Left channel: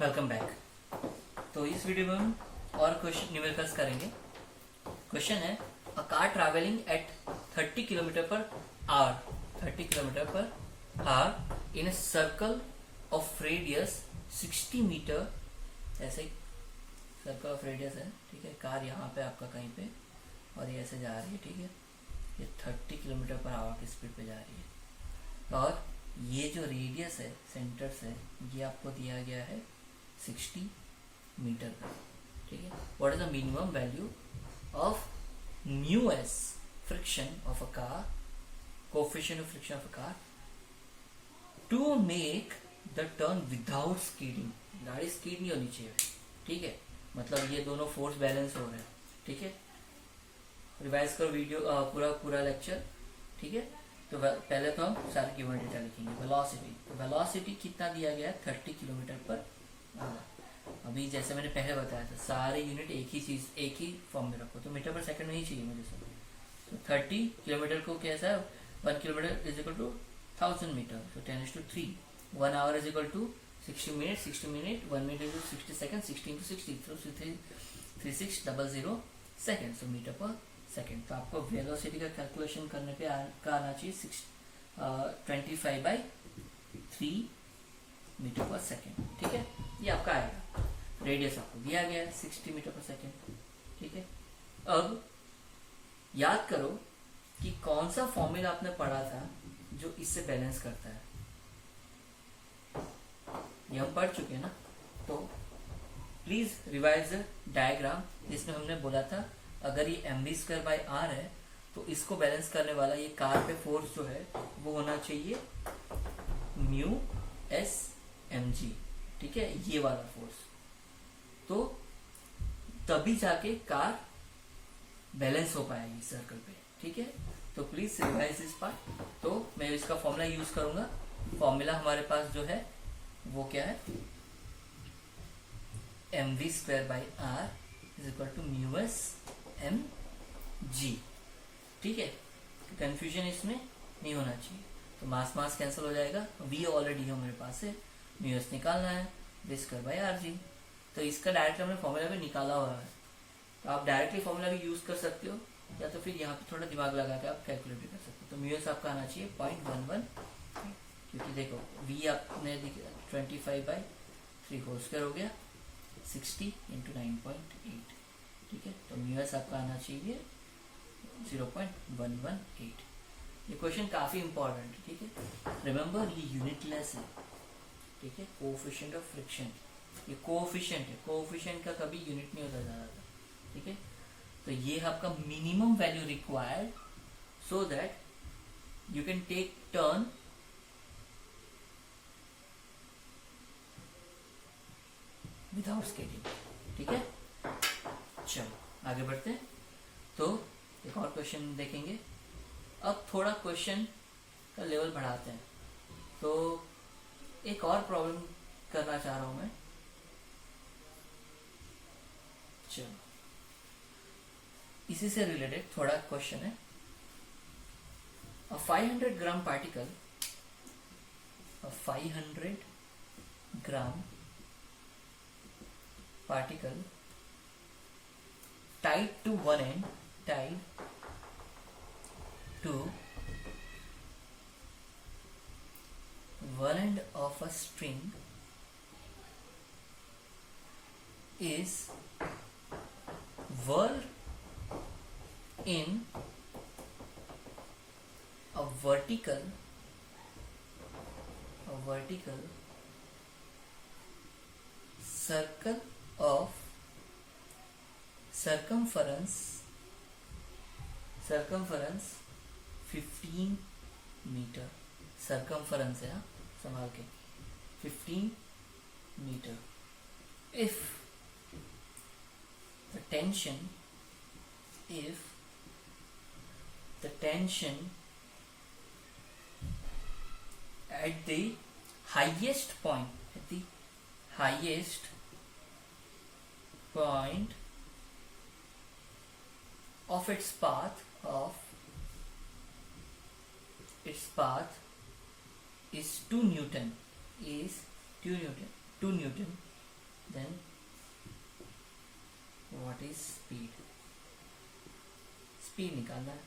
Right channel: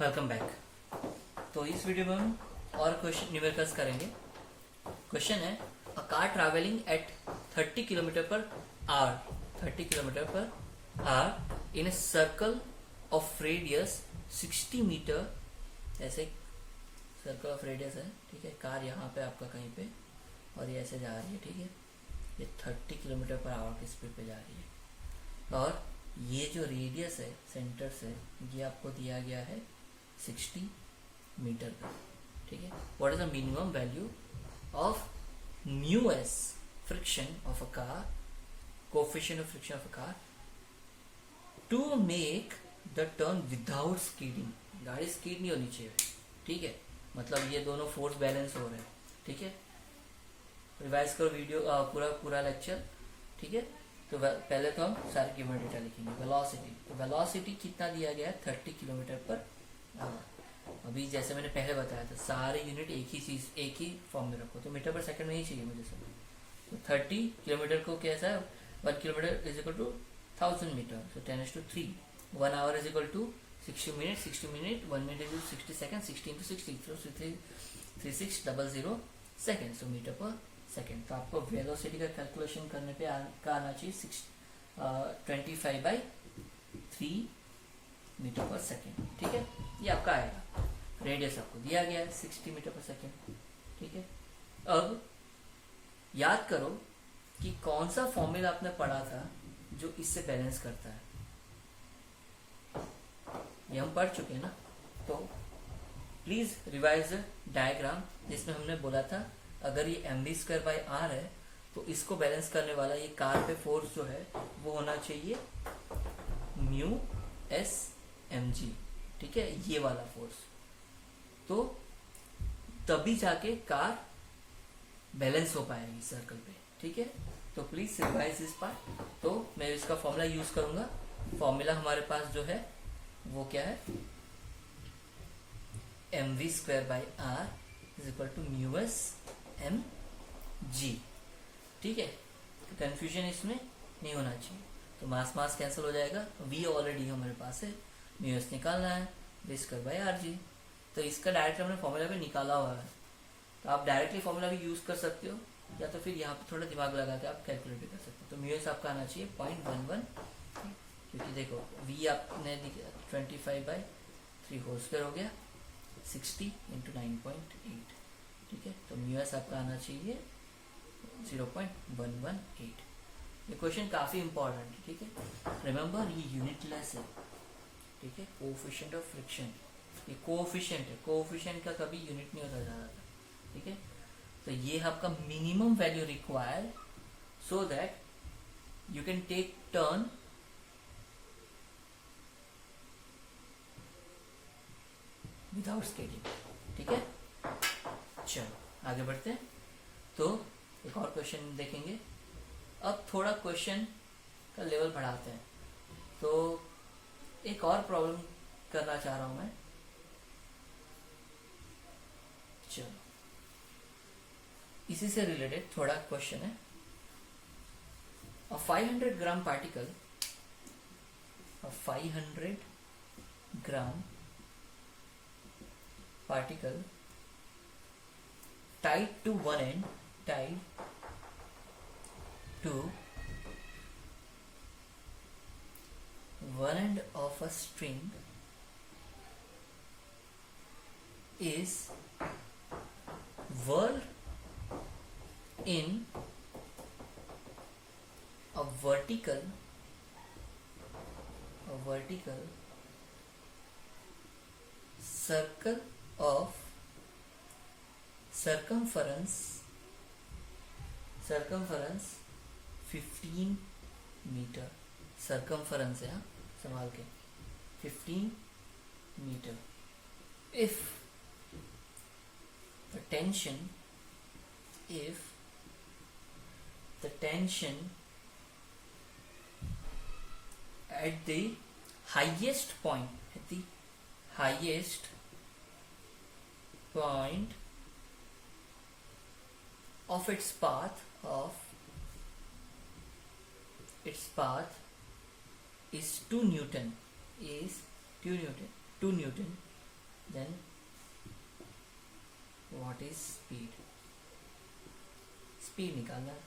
Welcome back. तो इस video में हम और क्वेश्चन न्यूमेरिकल्स करेंगे। क्वेश्चन है a car travelling at 30 kilometre per hour 30 kilometre per hour in a circle of radius 60 metre. ऐसे सर्कल ऑफ रेडियस है, ठीक है। कार यहाँ पे आपका कहीं पे और ये ऐसे जा रही है, ठीक है। ये 30 किलोमीटर पर आवर की स्पीड पे जा रही है और ये जो रेडियस है सेंटर से ये आपको दिया गया है 60 मीटर का, ठीक है। What is the minimum value of mu s friction of a car, coefficient of friction of a car to make the turn without skidding. गाड़ी स्कीड नहीं होनी चाहिए, ठीक है। मतलब ये दोनों फोर्स बैलेंस हो रहे हैं, ठीक है। रिवाइज करो वीडियो पूरा लेक्चर, ठीक है। तो पहले तो हम सारे गिवन डेटा लिखेंगे। वेलोसिटी, तो वेलोसिटी कितना दिया गया है 30 किलोमीटर पर आवर। अभी जैसे मैंने पहले बताया था सारे यूनिट एक ही चीज एक ही फॉर्म में रखो, तो मीटर पर सेकंड नहीं चाहिए मुझे सब। तो 30 किलोमीटर को कैसा है, 1 kilometre is equal to 1000 metre, so 10⁻3। 1 hour is equal to 60 minute, 60 minute 1 minute is 60 second, 60 into 60 so 3600 second, so metre per second. तो आपको वेलोसिटी का कैलकुलेशन करने पे आना चाहिए 25/3 मीटर पर सेकंड, ठीक है। ये आपका आएगा। रेडियस आपको दिया गया है 60 मीटर पर सेकंड, ठीक है। अब याद करो कि कौन सा फॉर्मूला आपने पढ़ा था जो इससे बैलेंस करता है। ये हम पढ़ चुके हैं ना। तो प्लीज रिवाइज डायग्राम जिसमें हमने बोला था अगर ये mv²/r है तो इसको बैलेंस करने वाला ये कार पे फोर्स जो है वो होना चाहिए म्यू एस mg, ठीक है। ये वाला फोर्स, तो तभी जाके कार बैलेंस हो पाएगी सर्कल पे, ठीक है। तो प्लीज रिवाइज इस पार्ट। तो मैं इसका फॉर्मूला यूज करूंगा। फॉर्मूला हमारे पास जो है वो क्या है, mv²/r is equal to mu s m g, ठीक है। तो कंफ्यूजन इसमें नहीं होना चाहिए। तो मास कैंसिल हो जाएगा, v ऑलरेडी हमारे पास है, म्यू एस निकालना है v²/rg। तो इसका डायरेक्ट हमने फॉर्मूला पे निकाला हुआ है। तो आप डायरेक्टली फॉर्मूला भी यूज कर सकते हो या तो फिर यहाँ पे थोड़ा दिमाग लगा के आप कैलकुलेट भी कर सकते हो। तो म्यू एस आपका आना चाहिए 0.11, क्योंकि देखो v आपने 25/3 होल स्क्वायर हो गया 60 into 9.8, ठीक है। तो म्यू एस आपका आना चाहिए 0.118। ये क्वेश्चन काफी इंपॉर्टेंट है, ठीक है। रिमेम्बर ये यूनिटलेस है, ठीक है। कोएफिशिएंट ऑफ फ्रिक्शन, ये कोएफिशिएंट है, कोएफिशिएंट का कभी यूनिट नहीं होता ज्यादा, ठीक है। तो ये आपका minimum value required so that you can take turn without scaling, ठीक है। चलो आगे बढ़ते हैं। तो एक और क्वेश्चन देखेंगे। अब थोड़ा क्वेश्चन का लेवल बढ़ाते हैं। तो एक और प्रॉब्लम करना चाह रहा हूं मैं। चलो इसी से रिलेटेड थोड़ा क्वेश्चन है। Uh 500 gram particle, uh 500 gram particle tied to one end, tied to one end of a string is whirled in a vertical circle of circumference 15 metre. circumference है, संभाल के 15 metre. if the tension at the highest point of its path is 2 Newton, then what is speed, speed निकालना है,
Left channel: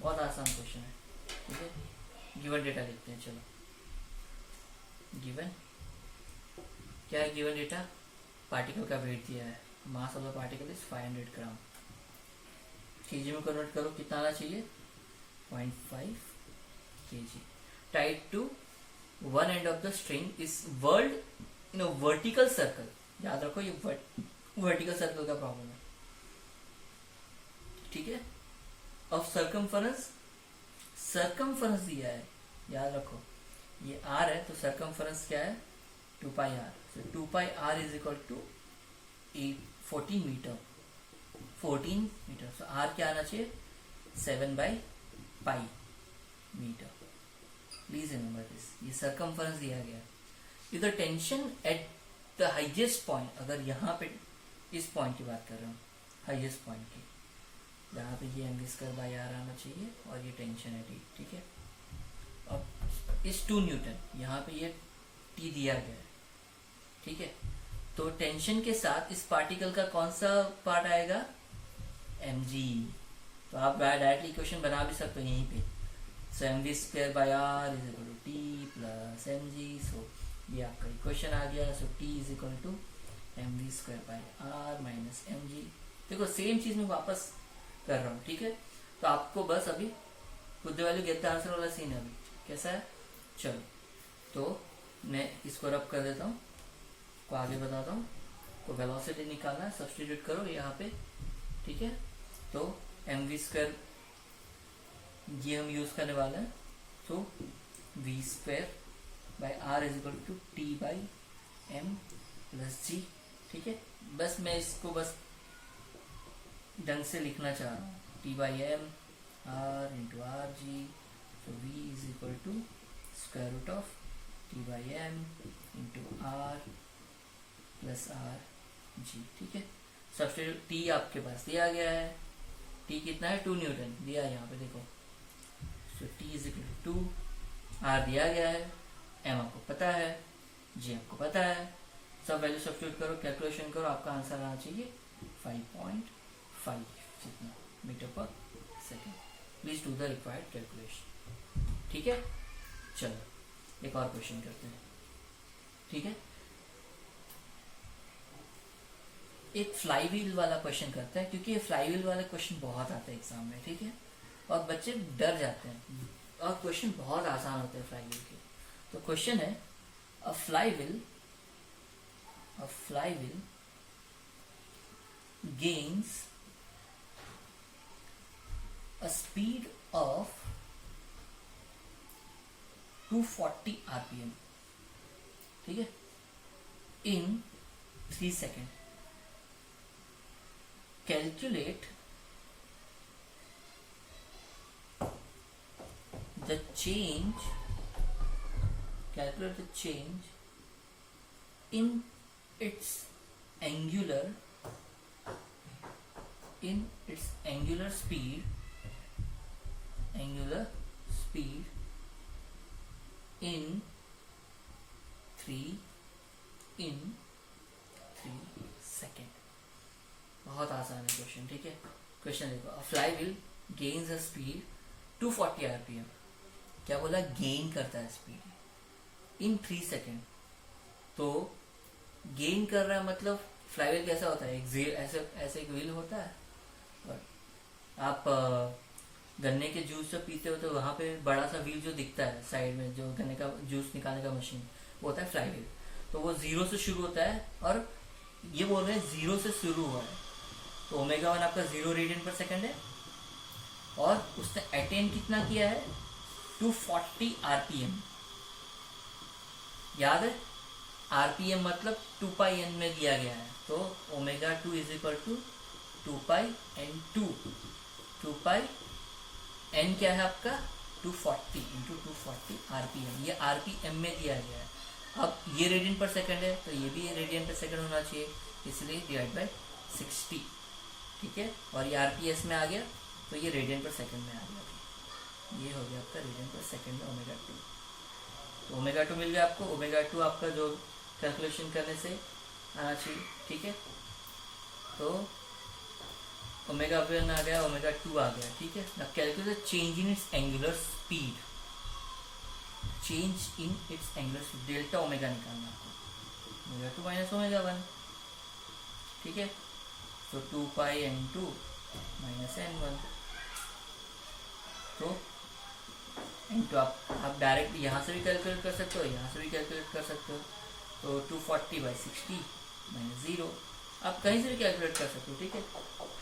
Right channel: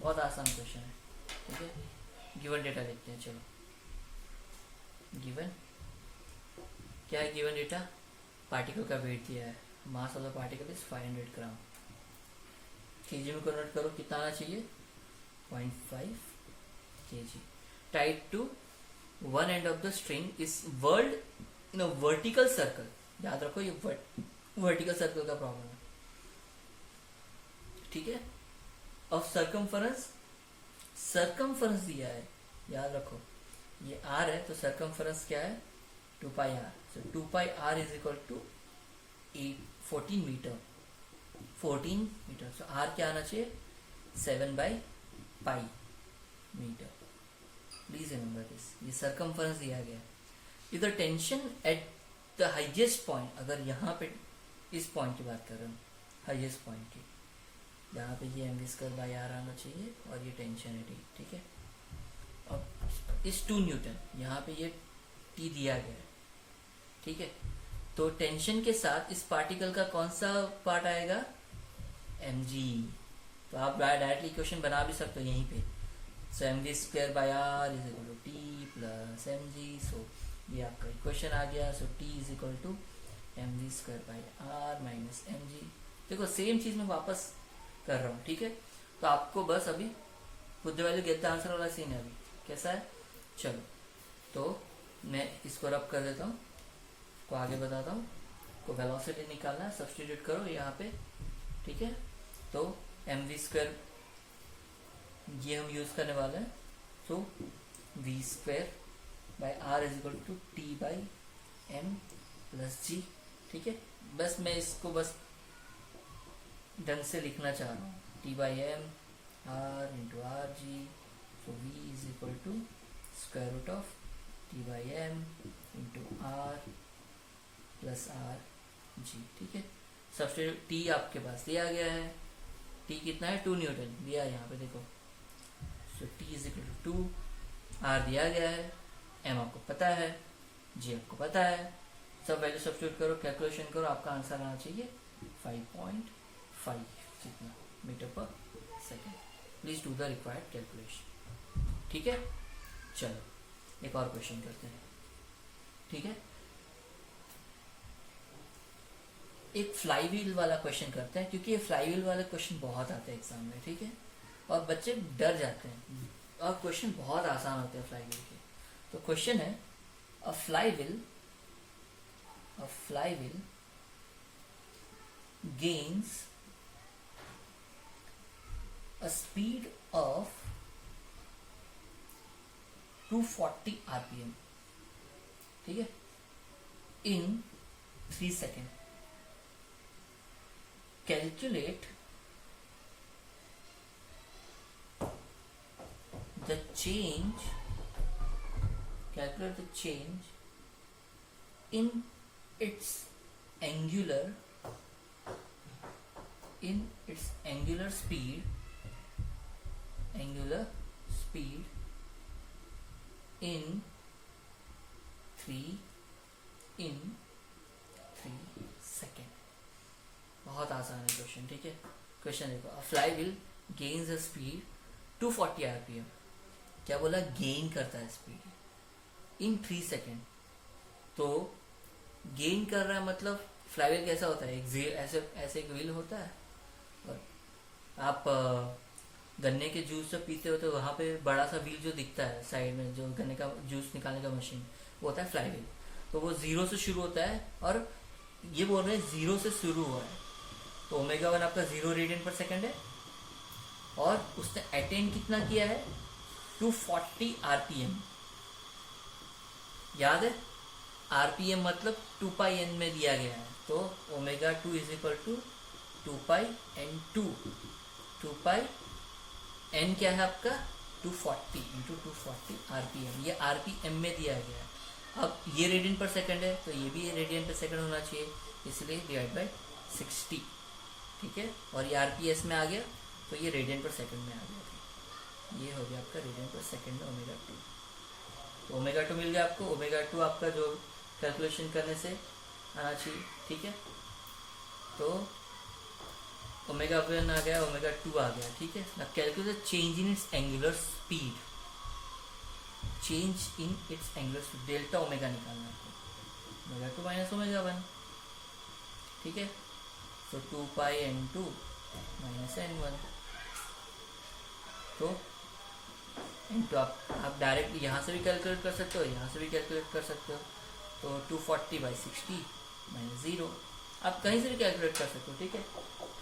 बहुत आसान question है। ठीक है, गिवन डेटा लिखते हैं। चलो, गिवन क्या है? गिवन डेटा पार्टिकल का वेट दिया है, mass of the particle is 500 gram. KG में कन्वर्ट करो, कितना आना चाहिए? 0.5 kg। Tied to one end of the string is whirled in a vertical circle. याद रखो, ये वर्टिकल सर्कल का प्रॉब्लम है। ठीक है, ऑफ सर्कमफरेंस, सर्कमफरेंस दिया है, याद रखो ये r है, तो सर्कमफरेंस क्या है? 2πr। So 2πr is equal to 14 metre. 14 metre, so r क्या आना चाहिए? 7/π मीटर। प्लीज रिमेंबर दिस, ये सर्कमफरेंस दिया गया। If the tension at the highest point, अगर यहाँ पे इस पॉइंट की बात कर रहे हो, हाइएस्ट पॉइंट की, जहाँ पे ये mv²/r आना चाहिए और ये टेंशन है t। ठीक है, अब इस 2 न्यूटन, यहाँ पे ये t दिया गया है। ठीक है, तो टेंशन के साथ इस पार्टिकल का कौन सा पार्ट आएगा? mg। तो आप डायरेक्टली इक्वेशन बना भी सकते हो यहीं पे। So mv²/r is equal to t plus mg। So ये आपका इक्वेशन आ गया। So t is equal to mv²/r minus mg। देखो, सेम चीज में वापस कर रहा हूँ। ठीक है, तो आपको बस अभी put the value get the answer वाला सीन है। अभी कैसा है? चलो, तो मैं इसको रब कर देता हूँ, को आगे बताता हूँ। को वेलोसिटी निकालना है, सब्स्टिट्यूट करो यहाँ पे। ठीक है, तो mv² ये हम यूज करने वाले हैं। तो v²/r is equal to t/m plus g। ठीक है, बस मैं इसको बस ढंग से लिखना चाह रहा हूँ, t/m r into are g. तो v is equal to square root of t/m into r plus r g. ठीक है, सब्स्टिट्यूट t आपके पास दिया गया है, t कितना है? 2 न्यूटन दिया है यहाँ पे, देखो। So t is equal to 2, r दिया गया है, m आपको पता है, g आपको पता है। सब वैल्यू सब्स्टिट्यूट करो, कैलकुलेशन करो, आपका आंसर आना चाहिए 5.5 जितना मीटर पर second. Please do the required calculation. ठीक है, चलो एक और क्वेश्चन करते हैं। ठीक है, एक फ्लाई व्हील वाला क्वेश्चन करते हैं, क्योंकि ये फ्लाई व्हील वाला क्वेश्चन बहुत आता है एग्जाम में। ठीक है, और बच्चे डर जाते हैं, और क्वेश्चन बहुत आसान होते हैं फ्लाई व्हील के। तो क्वेश्चन है, अ fly wheel gains a speed of 240 rpm, ठीक है, in 3 seconds. Calculate the change in its angular speed in 3 second. बहुत आसान है क्वेश्चन। ठीक है, क्वेश्चन देखो, अ fly wheel gains a speed 240 rpm। क्या बोला? गेन करता है स्पीड इन 3 सेकेंड। तो गेन कर रहा है मतलब फ्लाई व्हील कैसा होता है? ऐसे एक व्हील होता है, और आप गन्ने के जूस से पीते हो तो वहां पे बड़ा सा व्हील जो दिखता है साइड में, जो गन्ने का जूस निकालने का मशीन, वो होता है फ्लाई व्हील। तो वो 0 से शुरू होता है, और ये बोल रहे हैं 0 से शुरू हुआ है। तो ω1 आपका 0 रेडियन पर सेकेंड है, और उसने अटेन कितना किया है? 240 rpm। याद है, rpm मतलब 2πn में दिया गया है। तो ω2 is equal to 2πn2। 2πn क्या है आपका? 240 इंटू 240 rpm। ये rpm में दिया गया है। अब ये रेडियन पर सेकंड है, तो ये भी रेडियन पर सेकंड होना चाहिए, इसलिए डिवाइड बाय 60। ठीक है, और ये rps में आ गया, तो ये रेडियन पर सेकंड में आ गया। ये हो गया आपका रेडियन पर सेकंड में ω2। तो ω2 मिल गया आपको। ω2 आपका जो कैलकुलेशन करने से आना चाहिए, ठीक है। तो ओमेगा 1 आ गया, ओमेगा 2 आ गया, ठीक है ना। Calculate change in its angular speed, change in its angular speed, delta omega निकालना आपको, ओमेगा 2 माइनस ओमेगा 1, ठीक है। तो 2 पाई n2 माइनस n1, तो n2 आप डायरेक्ट यहाँ से भी कैलकुलेट कर सकते हो, यहाँ से भी कैलकुलेट कर सकते हो। तो 240/60 माइनस 0, आप कहीं से भी कैलकुलेट कर सकते हो, ठीक है।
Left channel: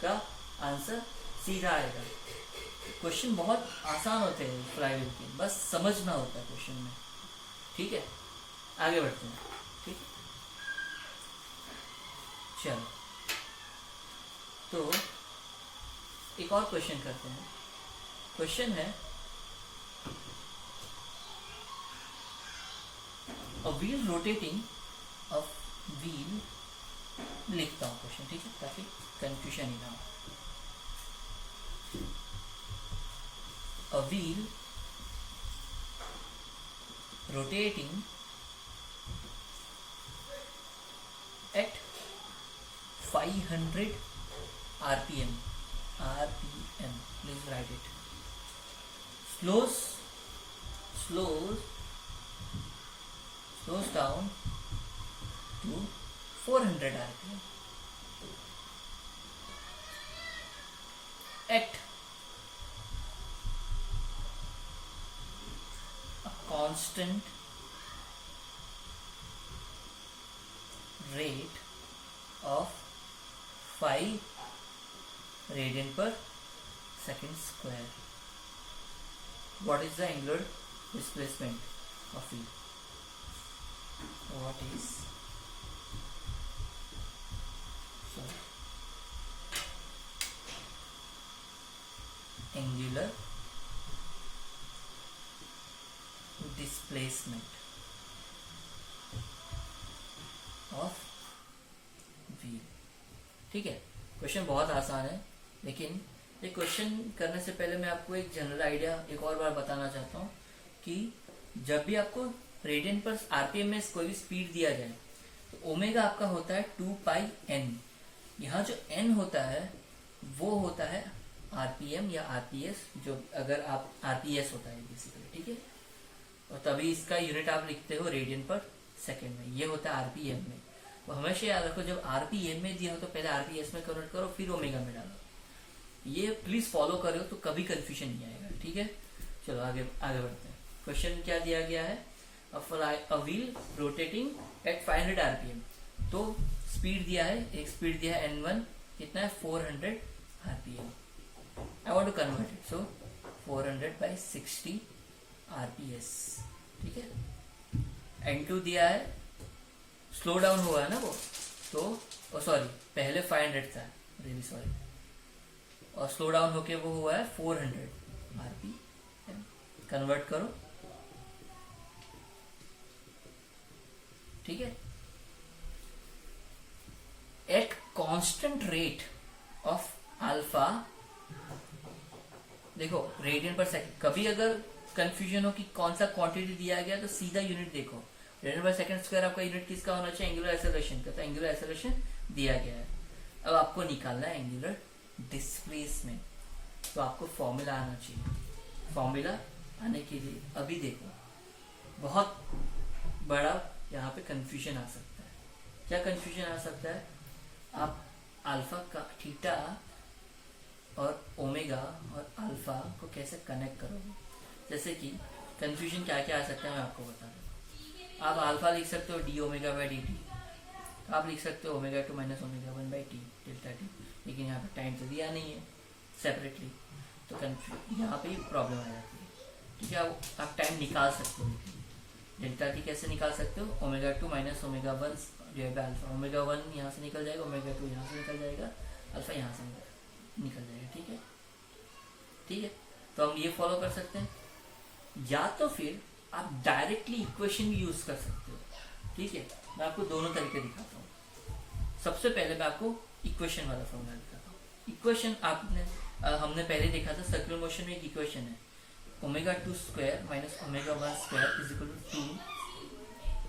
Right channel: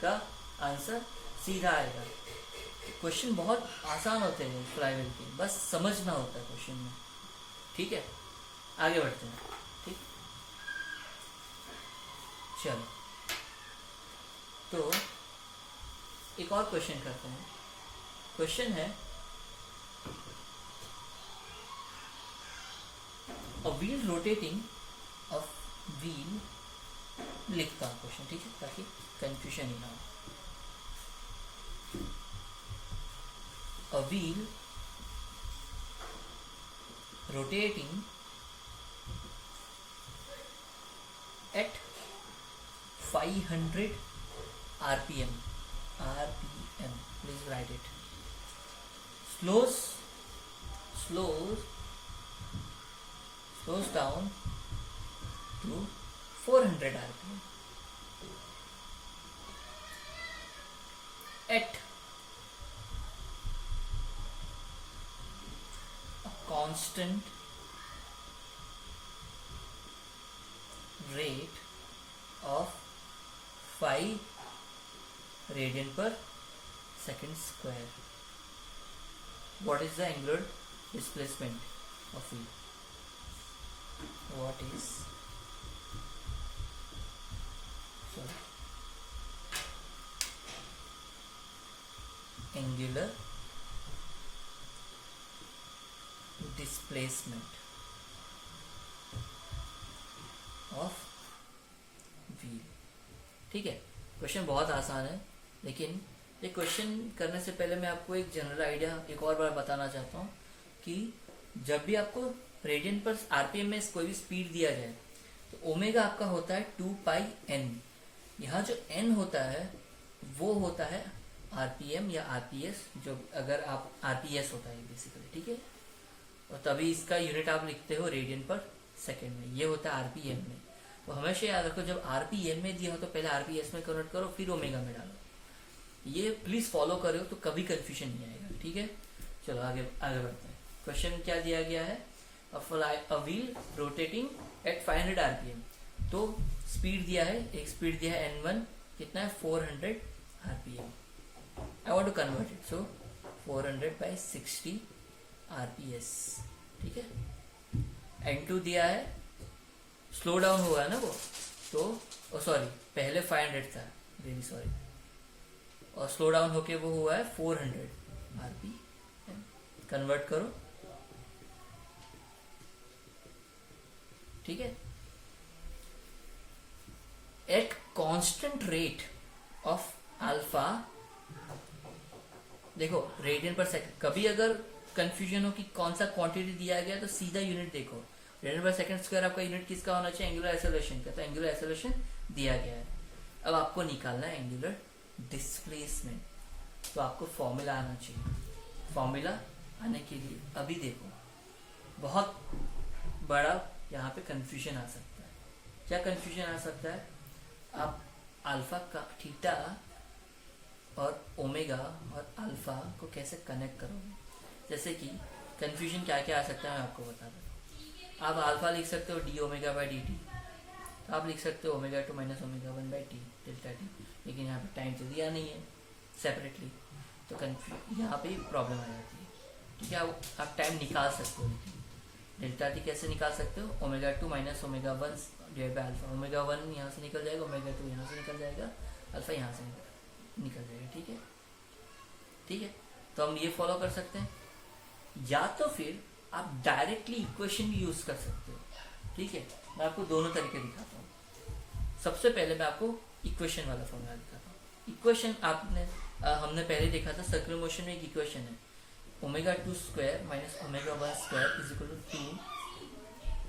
का आंसर सीधा आएगा। क्वेश्चन बहुत आसान होते हैं फ्लाईव्हील के, बस समझना होता है क्वेश्चन में, ठीक है। आगे बढ़ते हैं, ठीक। चलो, तो एक और क्वेश्चन करते हैं। क्वेश्चन है a wheel rotating of wheel, लिखता हूँ क्वेश्चन, ठीक है, ताकि कंफ्यूजन ही ना हो। A wheel rotating at 500 RPM, please write it, slows down to 400 RPM at a constant rate of 5 radian per second square. What is the angular displacement of wheel? What is angular displacement of wheel, ठीक है। Question बहुत आसान है, लेकिन ये question करने से पहले मैं आपको एक जनरल आइडिया एक और बार बताना चाहता हूँ कि जब भी आपको रेडियन पर आरपीएम में कोई भी स्पीड दिया जाए तो ओमेगा आपका होता है 2 पाई n। यहाँ जो n होता है वो होता है आरपीएम या आरपीएस, जो अगर आप आरपीएस होता है बेसिकली, ठीक है। और तभी इसका यूनिट आप लिखते हो रेडियन पर सेकेंड में, ये होता है आरपीएम में। तो हमेशा याद रखो, जब आरपीएम में दिया हो तो पहले आरपीएस में कन्वर्ट करो, फिर ओमेगा में डालो। ये प्लीज फॉलो करो तो कभी कंफ्यूजन नहीं आएगा, ठीक है। चलो आगे बढ़ते हैं। क्वेश्चन क्या दिया गया है, a wheel rotating at 500 RPM, तो स्पीड दिया है, एक स्पीड दिया है n1, कितना है 400 RPM। I want to convert it, so 400/60 RPS, ठीक है। n2 दिया है, स्लो डाउन हुआ है ना वो, तो सॉरी पहले 500 था, वेरी सॉरी, और स्लो डाउन होके वो हुआ है 400 RPM। कन्वर्ट करो, ठीक है। At constant rate of alpha, देखो रेडियन पर सेकंड, कभी अगर कंफ्यूजन हो कि कौन सा क्वांटिटी दिया गया तो सीधा यूनिट देखो, रेडियन पर सेकंड स्क्वायर आपका यूनिट किसका होना चाहिए, एंगुलर एक्सेलरेशन का, तो एंगुलर एक्सेलरेशन दिया गया है। अब आपको निकालना है एंगुलर डिस्प्लेसमेंट, तो आपको फॉर्मूला आना चाहिए। फॉर्मूला आने के लिए अभी देखो, बहुत बड़ा यहाँ पे कंफ्यूजन आ सकता है। क्या कंफ्यूजन आ सकता है, आप अल्फा का थीटा और ओमेगा और अल्फा को कैसे कनेक्ट करोगे। जैसे कि कंफ्यूजन क्या क्या आ सकता है मैं आपको बता दूं। आप अल्फा लिख सकते हो D omega by D T, आप लिख सकते हो omega 2 minus omega 1 by t delta T, लेकिन यहाँ पे टाइम तो दिया नहीं है सेपरेटली, तो यहाँ पे प्रॉब्लम आ जाती है, ठीक है। आप टाइम निकाल सकते हो, लेकिन डेल्टा टी कैसे निकाल सकते हो, omega 2 minus omega 1 divide by alpha, omega 1 यहाँ से निकल जाएगा, ओमेगा 2 यहाँ से निकल जाएगा, अल्फा यहाँ से निकल जाएगा, ठीक है, ठीक है। तो हम ये फॉलो कर सकते हैं, या तो फिर आप डायरेक्टली इक्वेशन भी यूज कर सकते हो, ठीक है। मैं आपको दोनों तरीके दिखाता हूँ। सबसे पहले मैं आपको इक्वेशन वाला फॉर्मूला दिखाता हूँ। इक्वेशन हमने पहले देखा था, सर्कुलर मोशन में एक इक्वेशन है, omega 2 square minus omega 1 square is equal to 2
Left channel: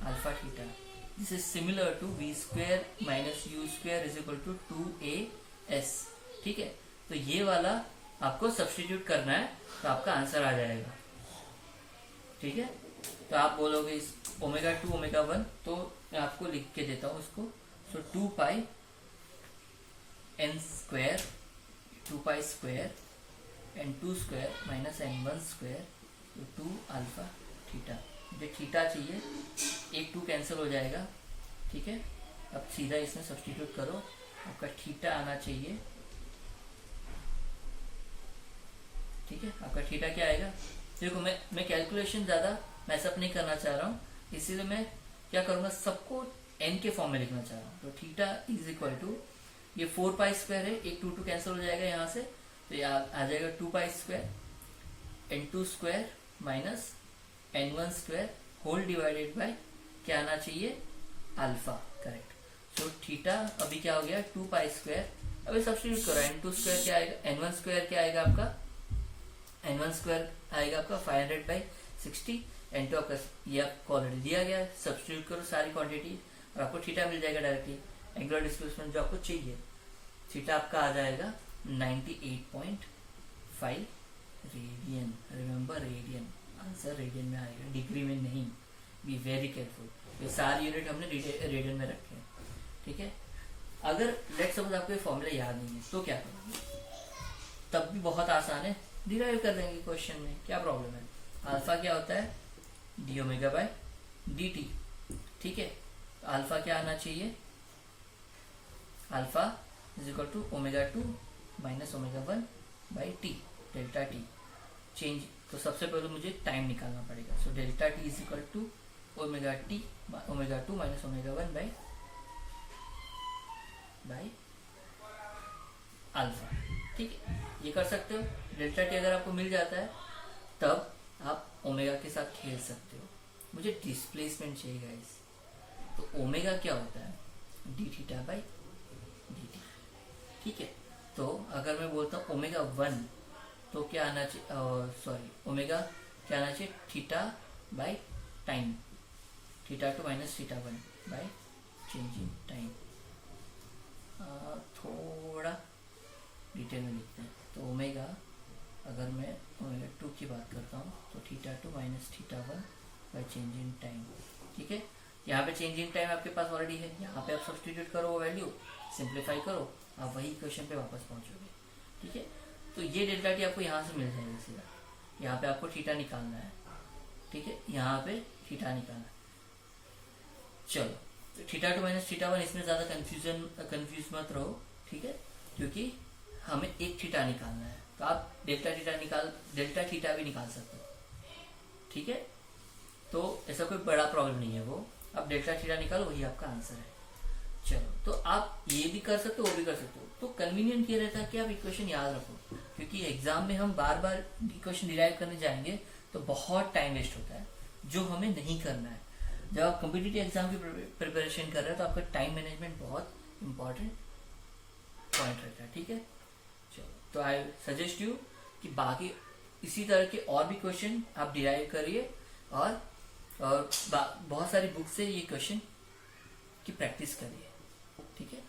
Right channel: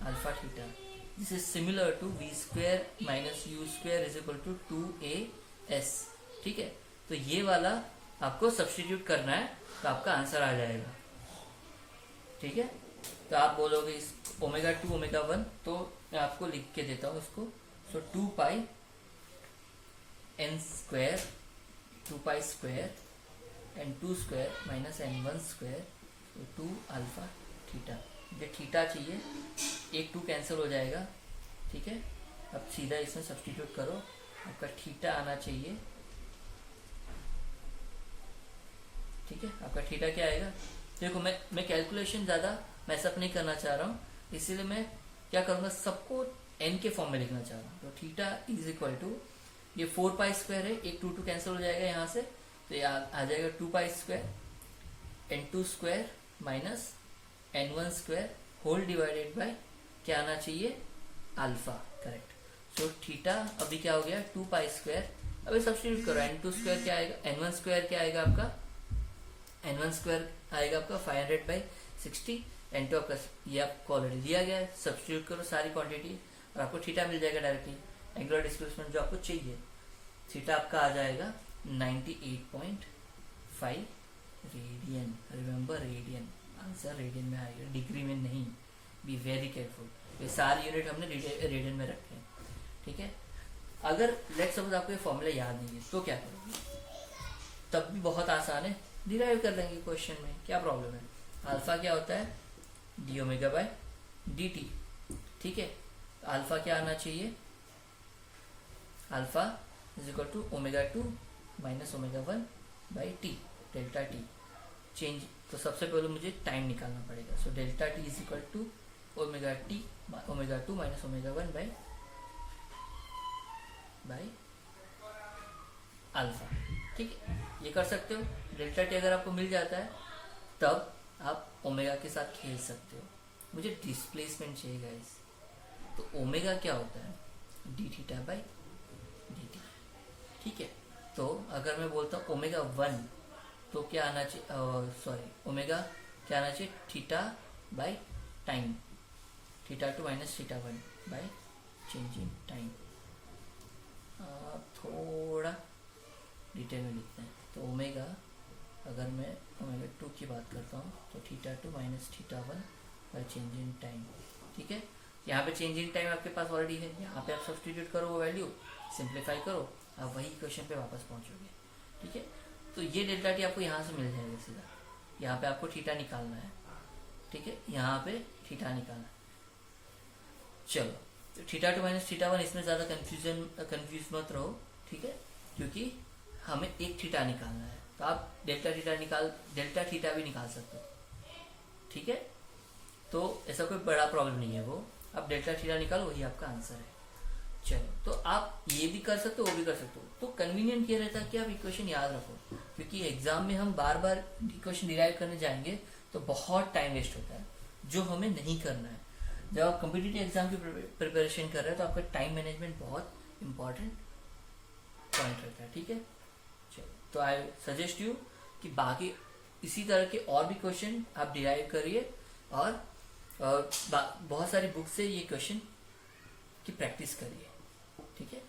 alpha theta, this is similar to v square minus u square is equal to 2as। ठीक है, तो ये वाला आपको सब्स्टिट्यूट करना है तो आपका आंसर आ जाएगा। ठीक है, तो आप बोलोगे इस ओमेगा 2 ओमेगा 1, तो मैं आपको लिख के देता हूं इसको। सो 2 पाई n square 2 pi square n2 square minus n1 square 2 alpha theta. मुझे थीटा चाहिए, एक 2 कैंसिल हो जाएगा। ठीक है, अब सीधा इसमें सब्स्टिट्यूट करो, आपका थीटा आना चाहिए। ठीक है, आपका थीटा क्या आएगा? देखो मैं कैलकुलेशन ज्यादा मैसअप नहीं करना चाह रहा हूँ, इसीलिए मैं क्या करूंगा, सबको n के फॉर्म में लिखना चाह रहा हूँ। तो थीटा इज इक्वल टू, ये 4 पाई स्क्वायर है, एक 2 कैंसिल हो जाएगा यहाँ से, तो ये आ जाएगा 2 pi square n2 square minus n1 square whole divided by क्या आना चाहिए, अल्फा। करेक्ट। सो थीटा अभी क्या हो गया, 2 पाई स्क्वायर। अभी सब्स्टिट्यूट करो, n2 स्क्वायर क्या आएगा, n1 स्क्वायर क्या आएगा आपका, n1 स्क्वायर आएगा आपका 500/60, n2 आपका ये आपको ऑलरेडी दिया गया है। सब्स्टिट्यूट करो सारी क्वांटिटी और आपको थीटा मिल जाएगा डायरेक्टली। एंगुलर डिस्प्लेसमेंट जो आपको चाहिए, थीटा आपका आ जाएगा 98.5 radian. Remember radian, answer radian में आएगा, डिग्री में नहीं। बी वेरी केयरफुल, ये सारे यूनिट हमने रेडियन में रखे हैं। ठीक है, अगर लेट्स सपोज आपको ये फॉर्मूला याद नहीं है तो क्या करोगे, तब भी बहुत आसान है, डिराइव कर लेंगे क्वेश्चन में, क्या प्रॉब्लम है। अल्फा क्या होता है, d omega by d t. ठीक है, अल्फा क्या आना चाहिए, alpha is equal to omega 2 minus omega 1 by t, delta t change. तो सबसे पहले मुझे टाइम निकालना पड़ेगा। So delta t is equal to omega t omega 2 minus omega 1 by alpha. ठीक है, ये कर सकते हो। डेल्टा टी अगर आपको मिल जाता है तब आप ओमेगा के साथ खेल सकते हो। मुझे डिस्प्लेसमेंट चाहिए गाइस, तो ओमेगा क्या होता है, D theta by D t. ठीक है, तो अगर मैं बोलता हूँ ओमेगा 1 तो क्या आना चाहिए, सॉरी ओमेगा क्या आना चाहिए, theta by time, theta 2 minus theta 1 by change in time. थोड़ा डिटेल में लिखते हैं। तो ओमेगा, अगर मैं ओमेगा 2 की बात करता हूँ तो theta 2 minus theta 1 by change in time. ठीक है, यहाँ पे चेंज इन टाइम आपके पास ऑलरेडी है, यहाँ पे आप सब्स्टिट्यूट करो वो वैल्यू, सिंप्लीफाई करो, आप वही क्वेश्चन पे वापस पहुंचोगे। ठीक है, तो ये डेल्टा टी आपको यहाँ से मिल जाएगा सीधा। यहाँ पे आपको थीटा निकालना है। ठीक है, यहाँ पे थीटा निकालना है। चलो, तो थीटा 2 माइनस थीटा 1, इसमें ज्यादा कंफ्यूज मत रहो। ठीक है, क्योंकि हमें एक थीटा निकालना है, तो आप डेल्टा थीटा भी निकाल सकते हो। ठीक है, तो ऐसा कोई बड़ा प्रॉब्लम नहीं है वो, आप डेल्टा थीटा निकालो, वही आपका आंसर है। चलो, तो आप ये भी कर सकते हो, वो भी कर सकते हो। तो कन्वीनियंट ये रहता है कि आप इक्वेशन याद रखो, क्योंकि एग्जाम में हम बार बार इक्वेशन डिराइव करने जाएंगे तो बहुत टाइम वेस्ट होता है, जो हमें नहीं करना है। जब आप कॉम्पिटिटिव एग्जाम की प्रिपरेशन कर रहे हो तो आपका टाइम मैनेजमेंट बहुत इंपॉर्टेंट पॉइंट रहता है। ठीक है, चलो, तो आई सजेस्ट यू कि बाकी इसी तरह के और भी क्वेश्चन आप डिराइव करिए और बहुत सारी बुक से ये क्वेश्चन की प्रैक्टिस करिए। ठीक है।